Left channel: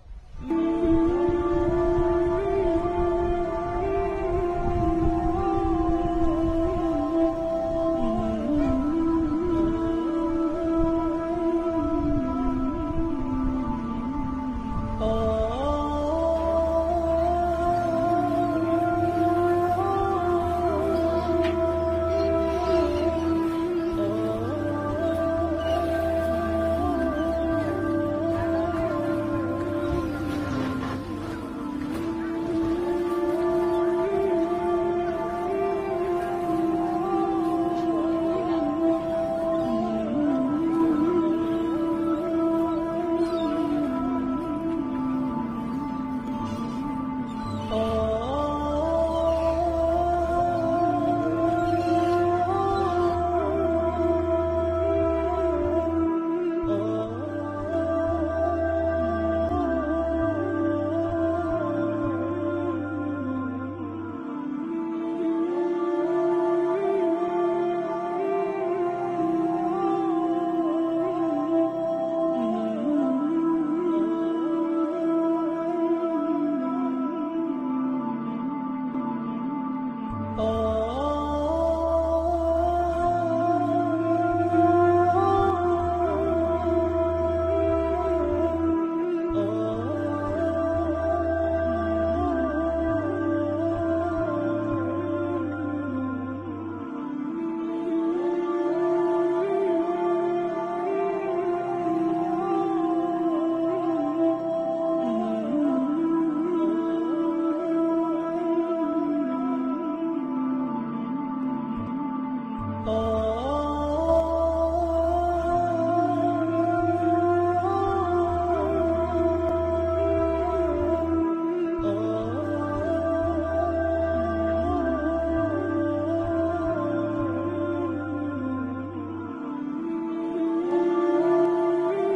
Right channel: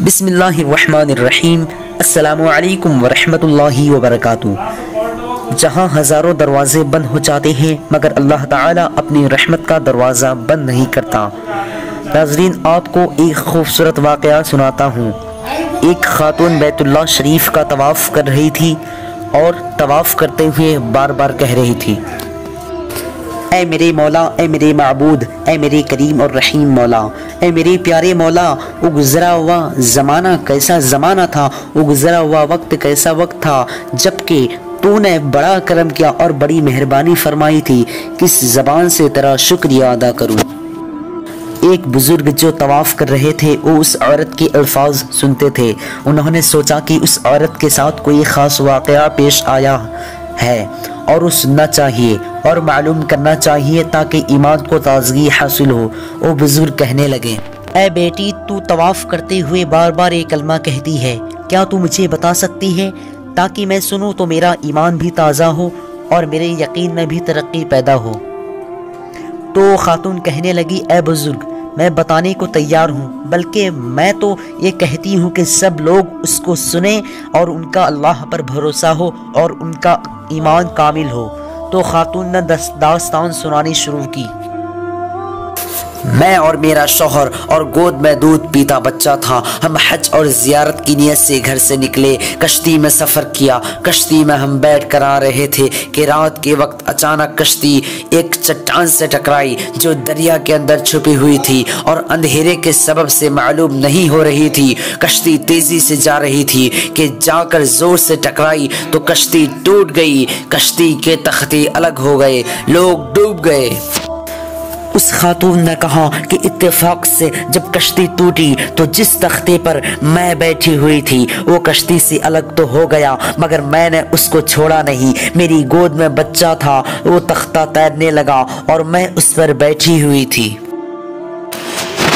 بسم اللہ الرحمن الرحیم۔ السلام علیکم ورحمۃ اللہ وبرکاتہ۔ جہاں ہزاروں دروازے بند ہو جاتے ہیں مگر اللہ تعالیٰ اپنی رحمت کا دروازہ بند نہیں کرتا۔ ناظرین، آپ کو ایک خوبصورت واقعہ سناتا ہوں۔ ایک خاتون بیت اللہ شریف کا طواف کر رہی تھی اور طواف کرتے ہوئے بار بار کہہ رہی تھی، اے میرے مولا، اے میرے معبود، اے میرے کریم اور رحیم مولا، اے میرے پیارے مولا، وہ گزرا ہوا زمانہ کیسا زمانہ تھا، وہ گزرا ہوا وقت کیسا وقت تھا جبکہ تو نے بڑا کرم کیا اور بڑی مہربانی فرمائی تھی، کس زبان سے تیرا شکریہ ادا کروں۔ ایک بزرگ جو طواف کر رہے تھے وہ اس عورت کے الفاظ سنتے تھے۔ انہوں نے سوچا کہ اس عورت کے ساتھ کوئی خاص واقعہ پیش آیا ہے اور وہ سننا چاہیے اور معلوم کرنا چاہیے تاکہ ایمان کو تازگی حاصل ہو۔ وہ بزرگ کہنے لگے، اے بیٹی، تو طواف کرتے ہوئے بار بار ایک کلمہ کہتی ہے، کیا تو مجھے بتا سکتی ہے تاکہ میں سنوں تو میرا ایمان بھی تازہ ہو اور میرے یقین میں بھی ترقی پیدا ہو؟ تو خاتون کہنے لگی، اے بزرگ، میں بتانے کو تیار ہوں، بلکہ میں تو یہ کہتی ہوں کہ سب لوگ اس کو سنیں اور ان کا اللہ پر بھروسہ ہو اور ان کا ایمان کامل ہو۔ تو خاتون نے داستان سنانی شروع کی۔ میں اور میرا شوہر اور گود میں دودھ پیتا بچہ تھا، ہم حج اور زیارت کی نیت سے گھر سے نکلے، کشتی میں سفر کیا۔ کشتی میں ہم بیٹھ کر آ رہے تھے کہ رات کے وقت اچانک کشتی ایک چٹان سے ٹکرائی جو دریا کے اندر چھپی ہوئی تھی اور اندھیرے کے سبب سے معلوم نہیں ہو رہی تھی۔ کشتی تیزی سے جا رہی تھی کہ جا کر زور سے ٹکرائی تو کشتی ٹوٹ گئی، کشتی کے تختے الگ ہو گئے، لوگ ڈوب گئے۔ اس خاتون نے کہا کہ اتفاق سے جب کشتی ٹوٹی تو جس تختے پر میں بیٹھی ہوئی تھی وہ کشتی سے الگ تو ہو گیا مگر میں نے اس کو چھوڑا نہیں۔ میری گود میں بچہ تھا، وہ تختہ تیرنے لگا اور میں اس پر بیٹھی ہوئی تھی۔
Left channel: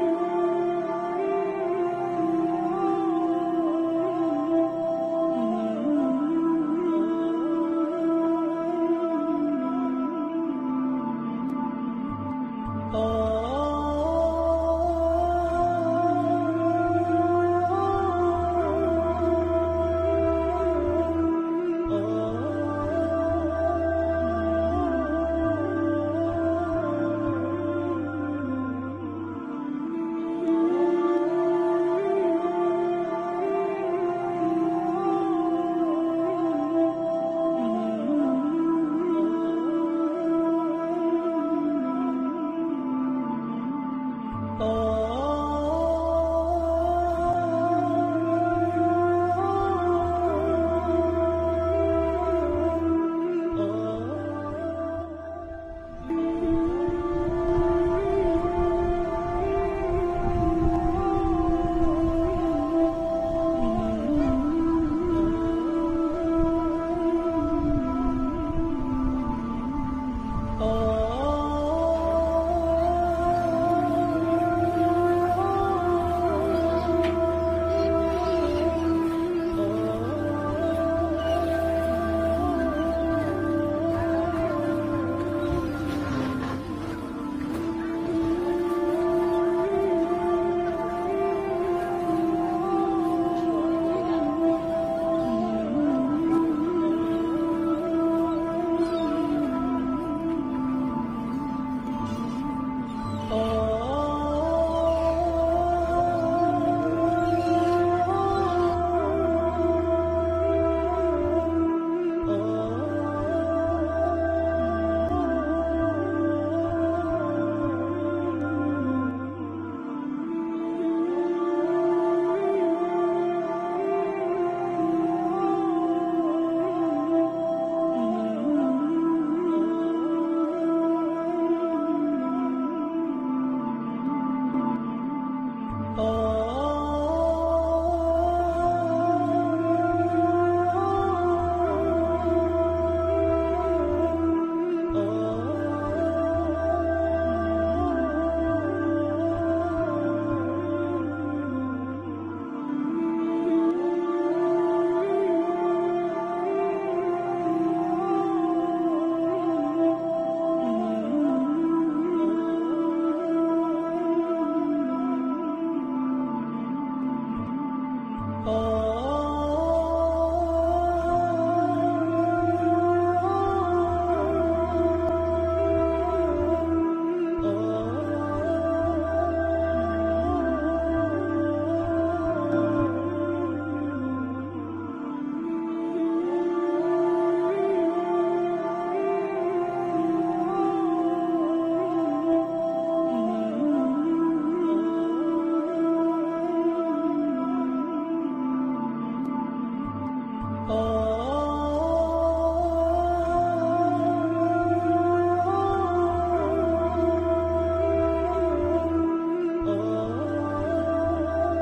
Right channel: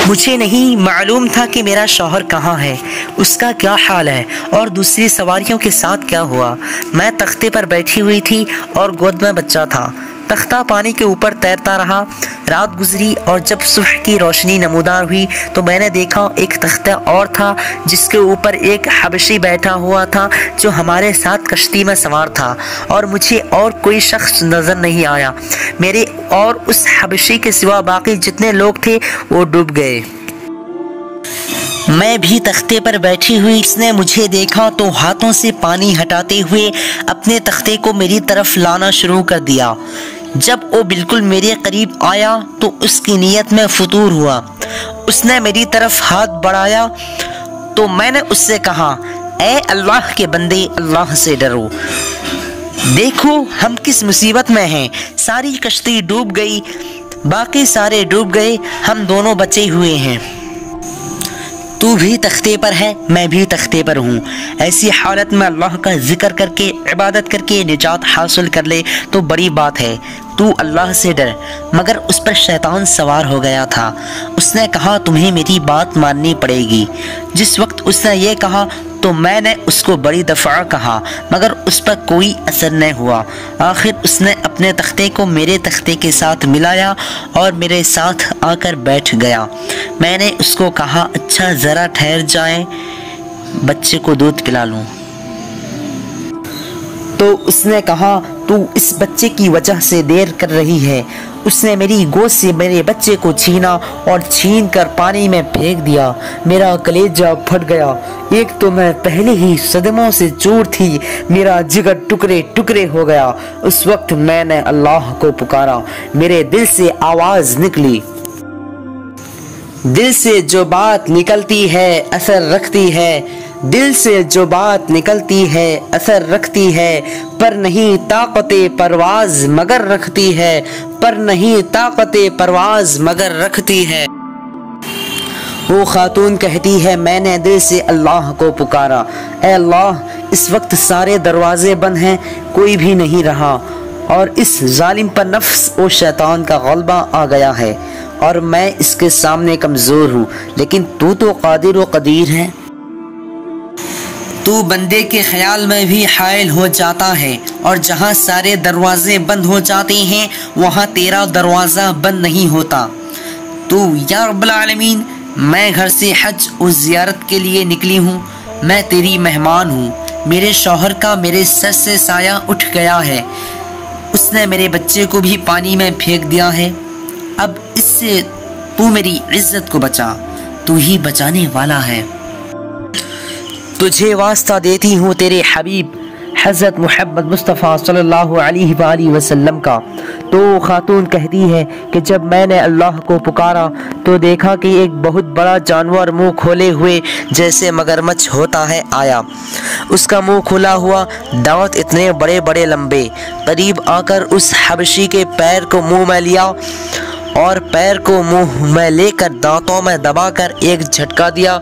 مجھے نہیں معلوم تھا کہ میرا شوہر کہاں ہے، اس کا کیا حال ہے اور دوسری سواریوں کے ساتھ کیا ہوا۔ میں تختے پر بیٹھی ہوئی تھی اور گود میں بچہ تھا۔ تختہ پانی کے اوپر تیرتا رہا۔ رات گزری اور جب صبح کی روشنی نمودار ہوئی تو میں نے دیکھا ایک تختہ اور تھا جس کے اوپر ایک حبشی بیٹھا ہوا تھا جو ہمارے ساتھ کشتی میں سوار تھا، اور مجھے اور کوئی شخص نظر نہیں آیا۔ میرے اور اس حبشی کے سوا باقی جتنے لوگ تھے وہ ڈوب گئے۔ میں بھی تختے پر بیٹھی ہوئی، اس نے مجھے دیکھا تو ہاتھوں سے پانی ہٹاتے ہوئے اپنے تختے کو میری طرف لانا شروع کر دیا۔ جب وہ بالکل میرے قریب آیا تو اس کی نیت میں فطور ہوا۔ اس نے میری طرف ہاتھ بڑھایا تو میں نے اس سے کہا، اے اللہ کے بندے، اللہ سے ڈرو، دیکھو ہم کس مصیبت میں ہیں۔ ساری کشتی ڈوب گئی، باقی سارے ڈوب گئے، ہم دونوں بچے ہوئے ہیں۔ تو بھی تختے پر ہے، میں بھی تختے پر ہوں۔ ایسی حالت میں اللہ کا ذکر کر کے، عبادت کر کے نجات حاصل کر لے تو بڑی بات ہے۔ تو اللہ سے ڈر۔ مگر اس پر شیطان سوار ہو گیا تھا۔ اس نے کہا، تمہیں میری بات ماننی پڑے گی۔ جس وقت اس نے یہ کہا تو میں نے اس کو بڑی دفعہ کہا مگر اس پر کوئی اثر نہیں ہوا۔ آخر اس نے اپنے تختے کو میرے تختے کے ساتھ ملایا اور میرے ساتھ آ کر بیٹھ گیا۔ میں نے اس کو کہا، اچھا ذرا ٹھہر جائیں، بچے کو دودھ پلا لوں۔ تو اس نے کہا، تو اس بچے کی وجہ سے دیر کر رہی ہے۔ اس نے میری گود سے میرے بچے کو چھینا اور چھین کر پانی میں پھینک دیا۔ میرا کلیجہ پھٹ گیا۔ ایک تو میں پہلے ہی صدموں سے چور تھی، میرا جگر ٹکڑے ٹکڑے ہو گیا۔ اس وقت میں نے اللہ کو پکارا، میرے دل سے آواز نکلی، دل سے جو بات نکلتی ہے اثر رکھتی ہے، دل سے جو بات نکلتی ہے اثر رکھتی ہے، پر نہیں طاقت پرواز مگر رکھتی ہے، پر نہیں طاقت پرواز مگر رکھتی ہے۔ وہ خاتون کہتی ہے، میں نے دل سے اللہ کو پکارا، اے اللہ، اس وقت سارے دروازے بند ہیں، کوئی بھی نہیں رہا اور اس ظالم پر نفس و شیطان کا غلبہ آ گیا ہے اور میں اس کے سامنے کمزور ہوں، لیکن تو قادر و قدیر ہے۔ تو بندے کے خیال میں بھی حائل ہو جاتا ہے اور جہاں سارے دروازے بند ہو جاتے ہیں وہاں تیرا دروازہ بند نہیں ہوتا۔ تو یا رب العالمین میں گھر سے حج اور زیارت کے لیے نکلی ہوں، میں تیری مہمان ہوں، میرے شوہر کا میرے سر سے سایہ اٹھ گیا ہے، اس نے میرے بچے کو بھی پانی میں پھینک دیا ہے، اب اس سے تو میری عزت کو بچا، تو ہی بچانے والا ہے۔ تجھے واسطہ دیتی ہوں تیرے حبیب حضرت محمد مصطفیٰ صلی اللہ علیہ وآلہ وسلم کا۔ تو خاتون کہتی ہے کہ جب میں نے اللہ کو پکارا تو دیکھا کہ ایک بہت بڑا جانور منہ کھولے ہوئے جیسے مگرمچھ ہوتا ہے آیا، اس کا منہ کھلا ہوا، دانت اتنے بڑے بڑے لمبے، قریب آ کر اس حبشی کے پیر کو منہ میں لیا اور پیر کو منہ میں لے کر دانتوں میں دبا کر ایک جھٹکا دیا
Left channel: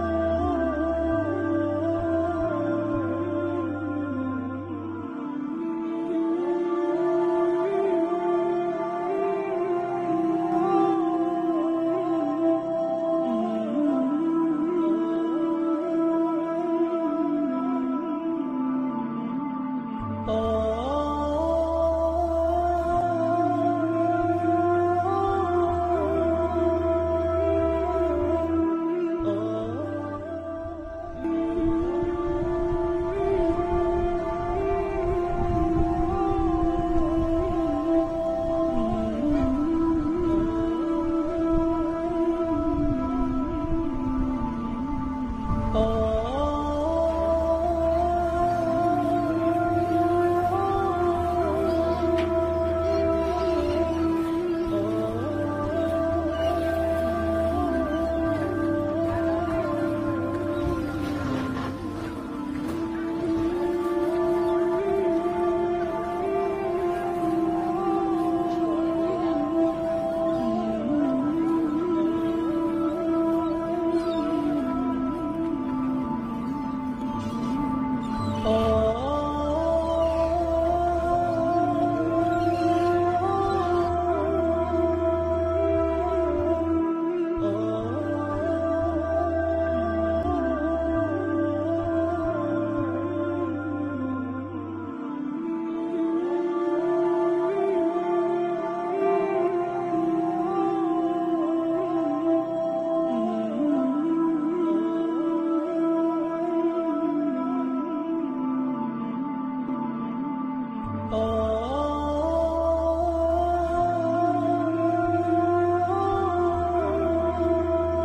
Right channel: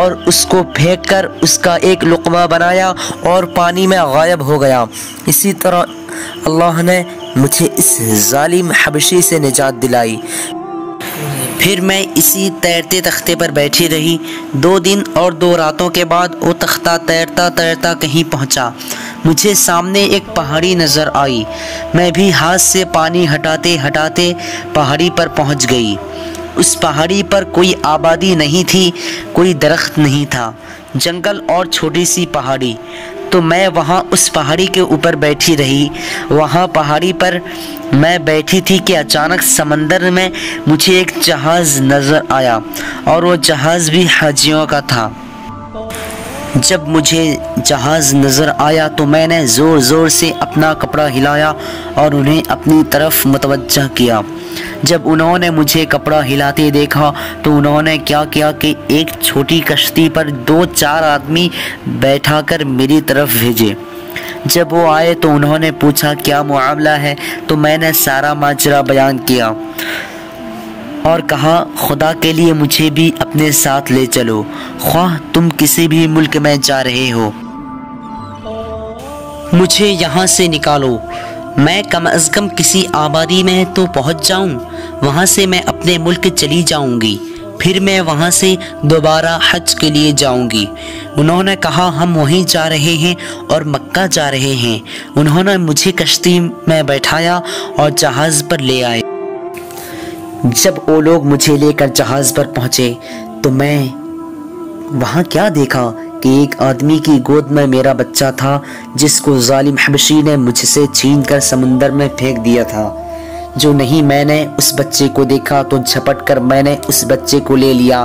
اور اس کو پھینک کر اس کا ایک لقمہ بنایا اور پانی میں غائب ہو گیا۔ اسی طرح اللہ نے مجھے اس ظالم حبشی سے نجات دلائی۔ پھر میں اسی تیرتے تختے پر بیٹھی رہی، 2 دن اور 2 راتوں کے بعد وہ تختہ تیرتا تیرتا کہیں پہنچا، مجھے سامنے ایک پہاڑی نظر آئی، میں بھی ہاتھ سے پانی ہٹاتے ہٹاتے پہاڑی پر پہنچ گئی۔ اس پہاڑی پر کوئی آبادی نہیں تھی، کوئی درخت نہیں تھا، جنگل اور چھوٹی سی پہاڑی۔ تو میں وہاں اس پہاڑی کے اوپر بیٹھی رہی۔ وہاں پہاڑی پر میں بیٹھی تھی کہ اچانک سمندر میں مجھے ایک جہاز نظر آیا اور وہ جہاز بھی حاجیوں کا تھا۔ جب مجھے جہاز نظر آیا تو میں نے زور زور سے اپنا کپڑا ہلایا اور انہیں اپنی طرف متوجہ کیا۔ جب انہوں نے مجھے کپڑا ہلاتے دیکھا تو انہوں نے کیا کیا کہ ایک چھوٹی کشتی پر 2-4 آدمی بیٹھا کر میری طرف بھیجے۔ جب وہ آئے تو انہوں نے پوچھا کیا معاملہ ہے، تو میں نے سارا ماجرا بیان کیا اور کہا خدا کے لیے مجھے بھی اپنے ساتھ لے چلو، خواہ تم کسی بھی ملک میں جا رہے ہو، مجھے یہاں سے نکالو، میں کم از کم کسی آبادی میں تو پہنچ جاؤں، وہاں سے میں اپنے ملک چلی جاؤں گی، پھر میں وہاں سے دوبارہ حج کے لیے جاؤں گی۔ انہوں نے کہا ہم وہیں جا رہے ہیں اور مکہ جا رہے ہیں۔ انہوں نے مجھے کشتی میں بیٹھایا اور جہاز پر لے آئے۔ جب وہ لوگ مجھے لے کر جہاز پر پہنچے تو میں وہاں کیا دیکھا کہ ایک آدمی کی گود میں میرا بچہ تھا جس کو ظالم حبشی نے مجھ سے چھین کر سمندر میں پھینک دیا تھا۔ جو نہیں میں نے اس بچے کو دیکھا تو جھپٹ کر میں نے اس بچے کو لے لیا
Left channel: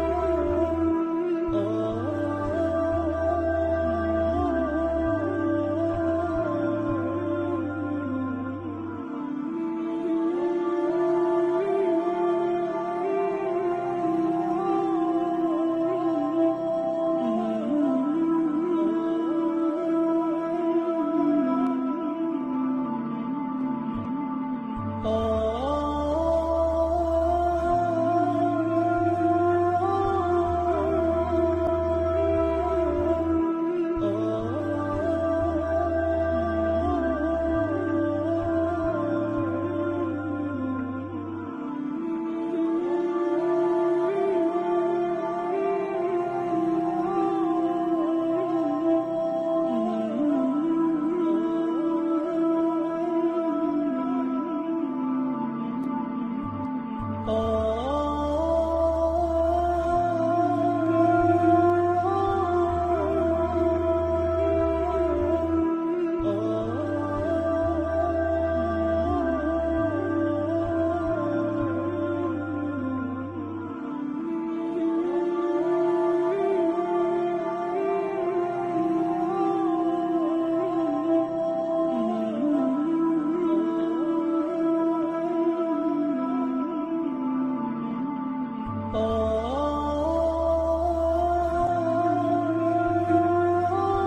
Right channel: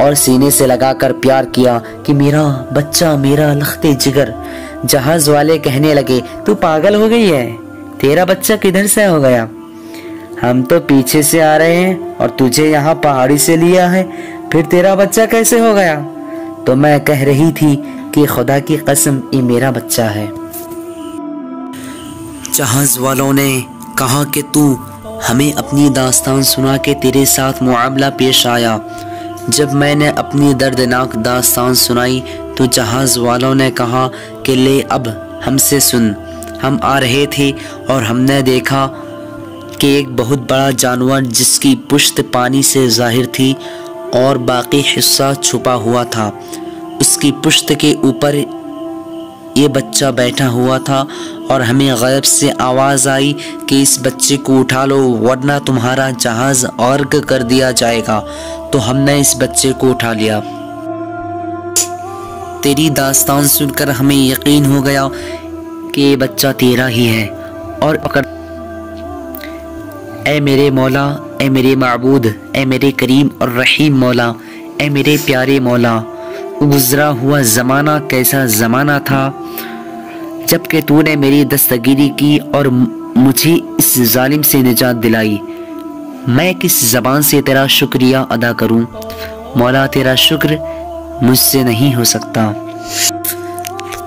اور سینے سے لگا کر پیار کیا کہ میرا بچہ، میرا لخت جگر۔ جہاز والے کہنے لگے تو پاگل ہو گئی ہے، تیرا بچہ کدھر سے ہو گیا؟ ہم تو پیچھے سے آ رہے ہیں اور تجھے یہاں پہاڑی سے لیا ہے، پھر تیرا بچہ کیسے ہو گیا؟ تو میں کہہ رہی تھی کہ خدا کی قسم یہ میرا بچہ ہے۔ جہاز والوں نے کہا کہ تو ہمیں اپنی داستان سنا کے تیرے ساتھ معاملہ پیش آیا۔ جب میں نے اپنی دردناک داستان سنائی تو جہاز والوں نے کہا کہ لے اب ہم سے سن، ہم آ رہے تھے اور ہم نے دیکھا کہ ایک بہت بڑا جانور جس کی پشت پانی سے ظاہر تھی اور باقی حصہ چھپا ہوا تھا، اس کی پشت کے اوپر یہ بچہ بیٹھا ہوا تھا اور ہمیں غیب سے آواز آئی کہ اس بچے کو اٹھا لو ورنہ تمہارا جہاز غرق کر دیا جائے گا۔ تو ہم نے اس بچے کو اٹھا لیا۔ تیری داستان سن کر ہمیں یقین ہو گیا کہ یہ بچہ تیرا ہی ہے اور پکڑ۔ اے میرے مولا، اے میرے معبود، اے میرے کریم اور رحیم مولا، اے میرے پیارے مولا، گزرا ہوا زمانہ کیسا زمانہ تھا جب کہ تو نے میری دستگیری کی اور مجھے اس ظالم سے نجات دلائی۔ میں کس زبان سے تیرا شکریہ ادا کروں؟ مولا تیرا شکر مجھ سے نہیں ہو سکتا۔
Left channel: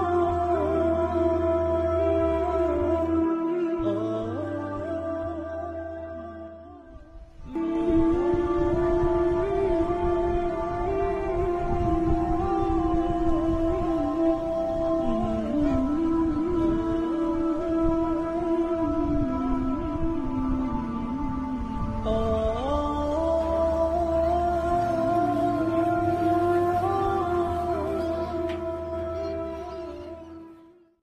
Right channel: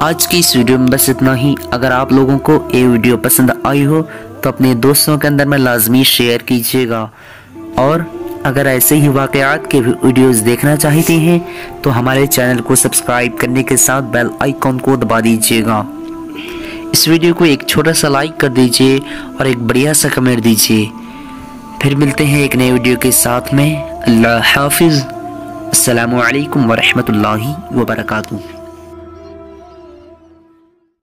آج کی اس ویڈیو میں بس اتنا ہی۔ اگر آپ لوگوں کو یہ ویڈیو پسند آئی ہو تو اپنے دوستوں کے اندر میں لازمی شیئر کیجیے گا، اور اگر ایسے ہی واقعات کے ویڈیوز دیکھنا چاہتے ہیں تو ہمارے چینل کو سبسکرائب کرنے کے ساتھ بیل آئیکن کو دبا دیجیے گا۔ اس ویڈیو کو ایک چھوٹا سا لائک کر دیجیے اور ایک بڑھیا سا کمنٹ دیجیے۔ پھر ملتے ہیں ایک نئے ویڈیو کے ساتھ میں۔ اللہ حافظ۔ السلام علیکم ورحمۃ اللہ وبرکاتہ۔